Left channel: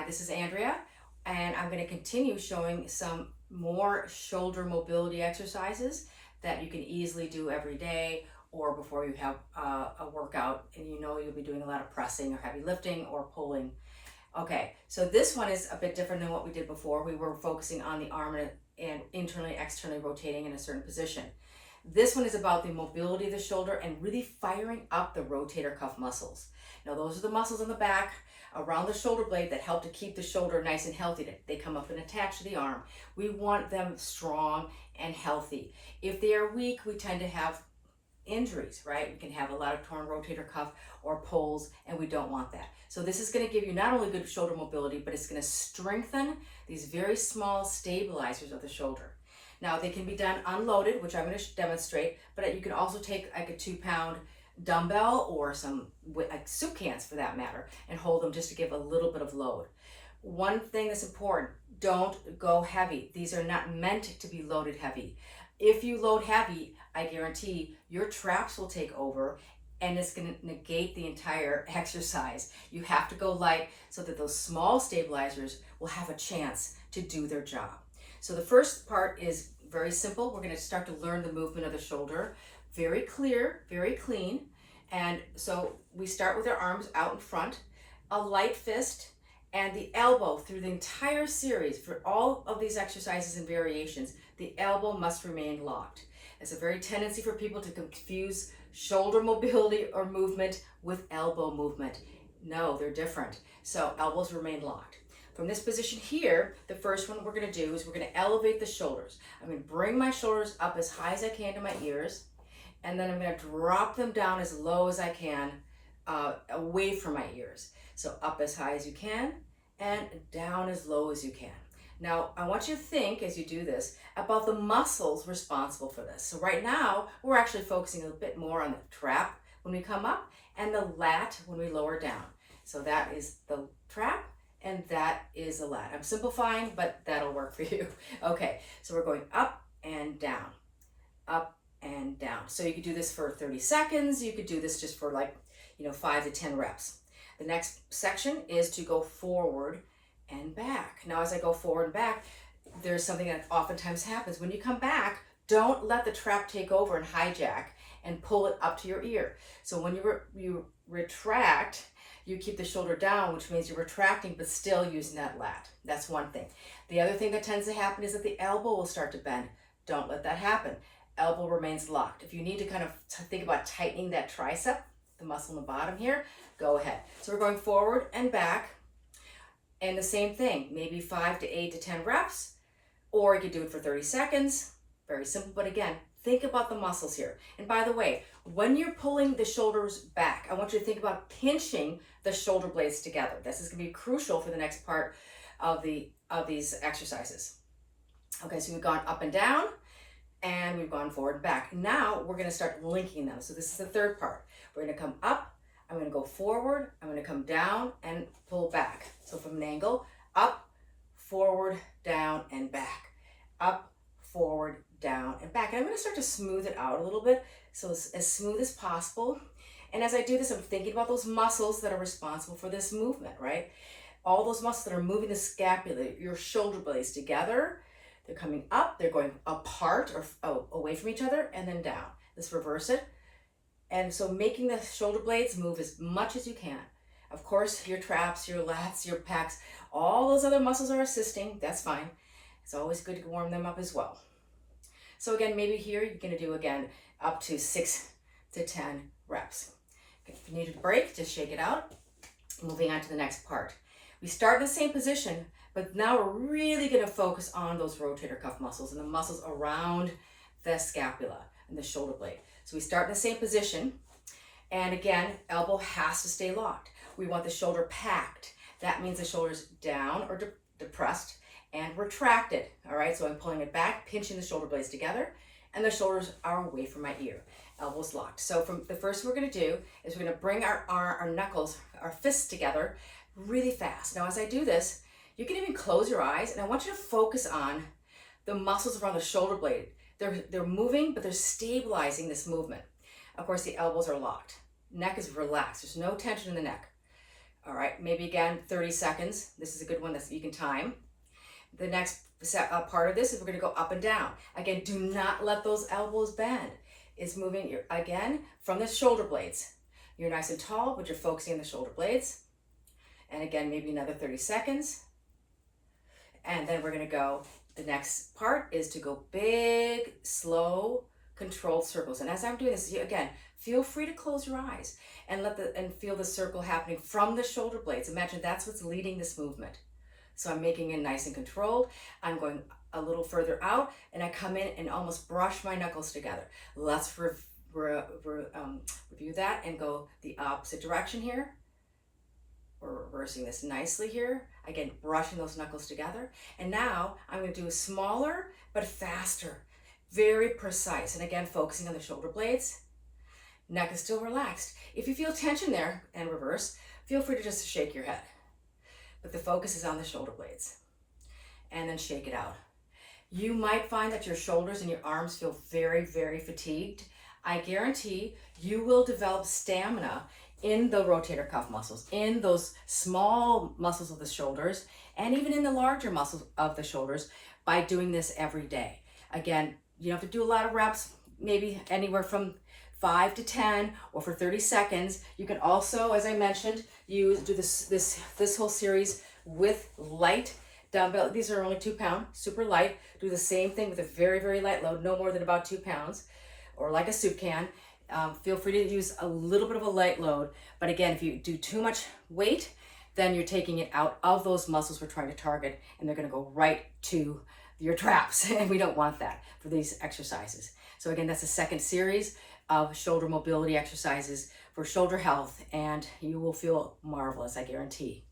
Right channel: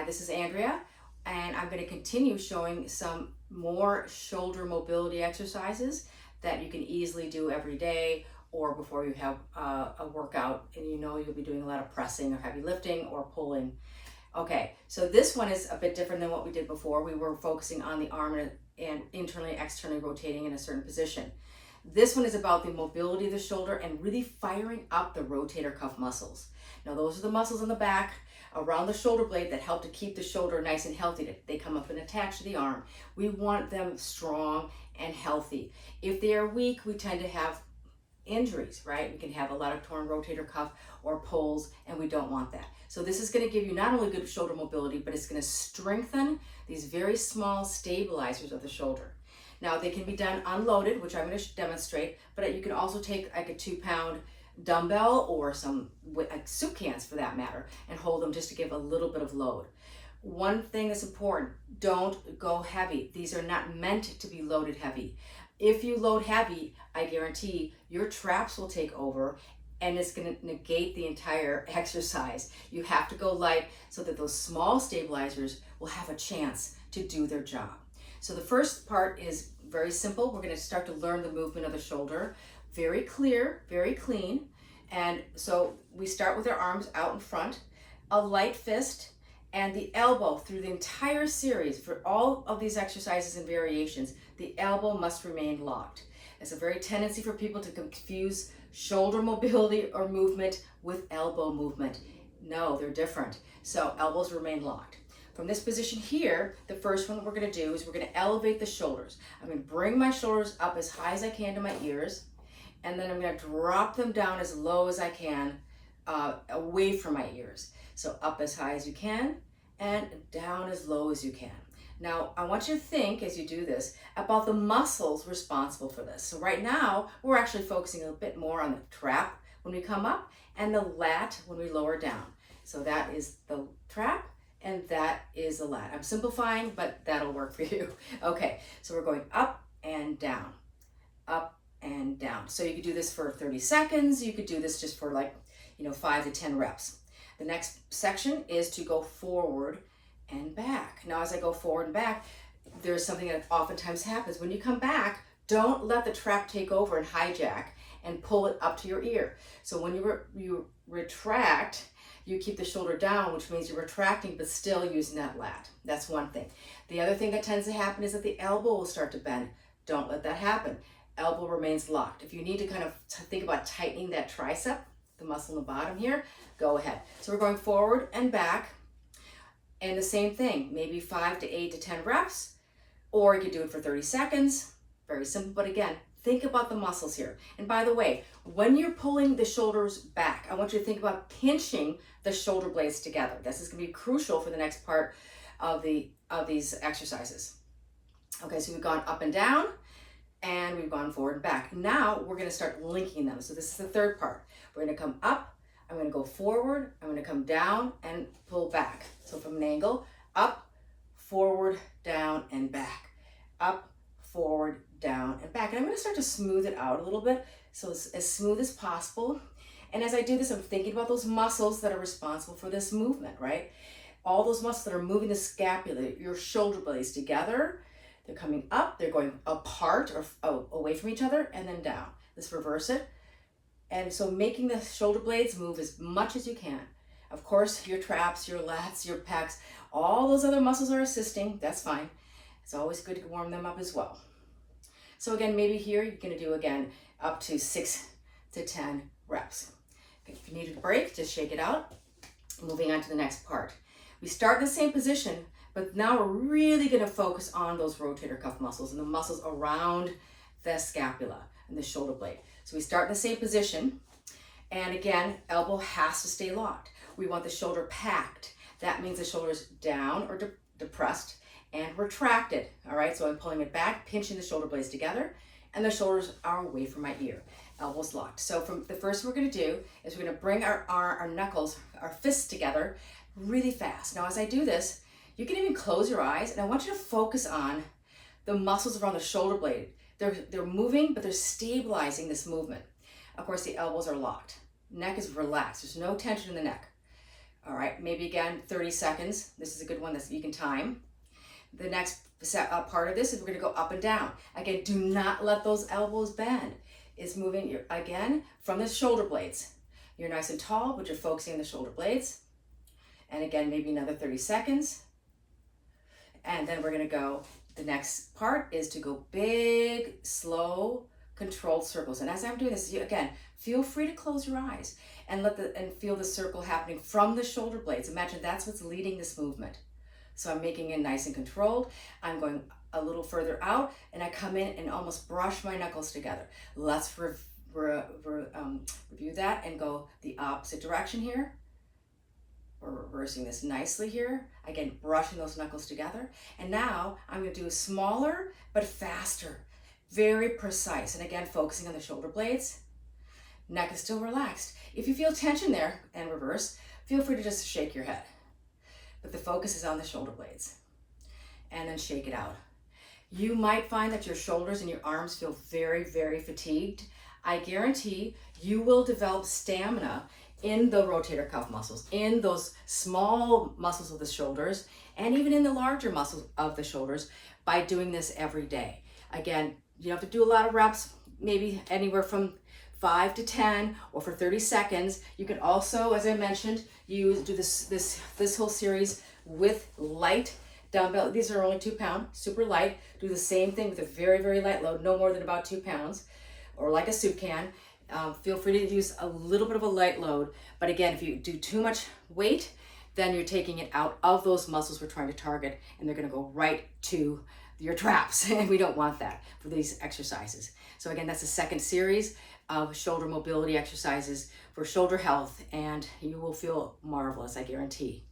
Hi, this is Andrea, and I'm going to continue showing some more shoulder mobility exercises that you can easily do every day or before you have a workout and you know you'll be doing a lot of pressing or heavy lifting or pulling. Okay, so this one is a bit different than what we did before. We were focusing on the arm and internally, externally rotating in a certain position. This one is about the mobility of the shoulder and really firing up the rotator cuff muscles. Now, those are the muscles in the back around the shoulder blade that help to keep the shoulder nice and healthy. They come up and attach to the arm. We want them strong and healthy. If they are weak, we tend to have injuries, right? We can have a lot of torn rotator cuff or pulls, and we don't want that. So this is going to give you not only good shoulder mobility, but it's going to strengthen these very small stabilizers of the shoulder. Now, they can be done unloaded, which I'm going to demonstrate, but you can also take like a 2-pound dumbbell or some like soup cans for that matter and hold them just to give a little bit of load. One thing that's important, don't go heavy. These are not meant to be loaded heavy. If you load heavy, I guarantee your traps will take over and it's going to negate the entire exercise. You have to go light so that those small stabilizers will have a chance to do their job. So the first part is very simple. We're going to start to learn the movement of the shoulder. Very clear, very clean. And so we start with our arms out in front, a light fist, and the elbow through the entire series for all of these exercises and variations, the elbow must remain locked. It's a very tendency for people to confuse shoulder mobility or movement with elbow movement. No, they're different. So elbows remain locked. From this position here, the first one we're going to do is we're going to elevate the shoulders. I'm going to bring my shoulders up as high as I can to my ears, and then I'm going to drop them down as low as I can away from my ears. So up as high as you can and down as low as you can. Now, I want you to think as you do this about the muscles responsible for this. So right now, we're actually focusing a bit more on the trap when we come up and the lat when we lower down. So that is the trap and that is the lat. I'm simplifying, but that'll work for you. Okay, so we're going up and down, up and down. So you could do this for 30 seconds. You could do this just for 5 to 10 reps. The next section is to go forward and back. Now, as I go forward and back, there's something that oftentimes happens. When you come back, don't let the trap take over and hijack and pull it up to your ear. So when you retract, you keep the shoulder down, which means you're retracting, but still using that lat. That's one thing. The other thing that tends to happen is that the elbow will start to bend. Don't let that happen. Elbow remains locked. If you need to kind of think about tightening that tricep, the muscle in the bottom here, go ahead. So we're going forward and back. And the same thing, maybe 5 to 8 to 10 reps, or you could do it for 30 seconds. Very simple, but again, think about the muscles here. And by the way, when you're pulling the shoulders back, I want you to think about pinching the shoulder blades together. This is gonna be crucial for the next part of these exercises. Okay, so we've gone up and down, and we've gone forward and back. Now we're gonna start linking them. So this is the third part. We're gonna come up, I'm gonna go forward, I'm gonna come down and pull back. So from an angle, up, forward, down, and back. Up, forward, down, and back. And I'm gonna start to smooth it out a little bit, so it's as smooth as possible. And as I do this, I'm thinking about those muscles that are responsible for this movement, right? All those muscles that are moving the scapula, your shoulder blades together, they're coming up, they're going apart or away from each other, and then down. Let's reverse it. And so making the shoulder blades move as much as you can. Of course, your traps, your lats, your pecs, all those other muscles are assisting. That's fine. It's always good to warm them up as well. So again, maybe here you're going to do again up to 6 to 10 reps. Okay, if you need a break, just shake it out. Moving on to the next part. We start in the same position, but now we're really going to focus on those rotator cuff muscles and the muscles around the scapula and the shoulder blade. So we start in the same position, and again, elbow has to stay locked. We want the shoulder packed. That means the shoulder's down or depressed and retracted, all right? So I'm pulling it back, pinching the shoulder blades together, and the shoulders are away from my ear. Elbows locked. So from the first we're gonna do is we're gonna bring our knuckles, our fists together really fast. Now, as I do this, you can even close your eyes, and I want you to focus on the muscles around the shoulder blade. They're moving, but they're stabilizing this movement. Of course, the elbows are locked. Neck is relaxed. There's no tension in the neck. All right, maybe again 30 seconds. This is a good one that you can time. The next part of this is we're gonna go up and down. Again, do not let those elbows bend. It's moving, again, from the shoulder blades. You're nice and tall, but you're focusing on the shoulder blades. And again, maybe another 30 seconds. And then we're gonna go, the next part is to go big, slow, controlled circles. And as I'm doing this, again, feel free to close your eyes and feel the circle happening from the shoulder blades. Imagine that's what's leading this movement. So I'm making it nice and controlled. I'm going a little further out and I come in and almost brush my knuckles together. Let's review that and go the opposite direction here. We're reversing this nicely here. Again, brushing those knuckles together. And now I'm gonna do a smaller but faster, very precise. And again, focusing on the shoulder blades. Neck is still relaxed. If you feel tension there and reverse, feel free to just shake your head. But the focus is on the shoulder blades. And then shake it out. You might find that your shoulders and your arms feel very, very fatigued. I guarantee you will develop stamina in the rotator cuff muscles, in those small muscles of the shoulders, and even in the larger muscles of the shoulders by doing this every day. Again, you don't have to do a lot of reps, maybe anywhere from 5 to 10 or for 30 seconds. You can also, as I mentioned, do this whole series with light dumbbell. These are only 2 pound, super light. Do the same thing with a very, very light load, no more than about 2 pounds, or like a soup can. Feel free to use a little bit of a light load. But again, if you do too much weight, then you're taking it out of those muscles we're trying to target, and they're gonna go right to your traps. And we don't want that for these exercises. So again, that's the second series of shoulder mobility exercises for shoulder health, and you will feel marvelous, I guarantee.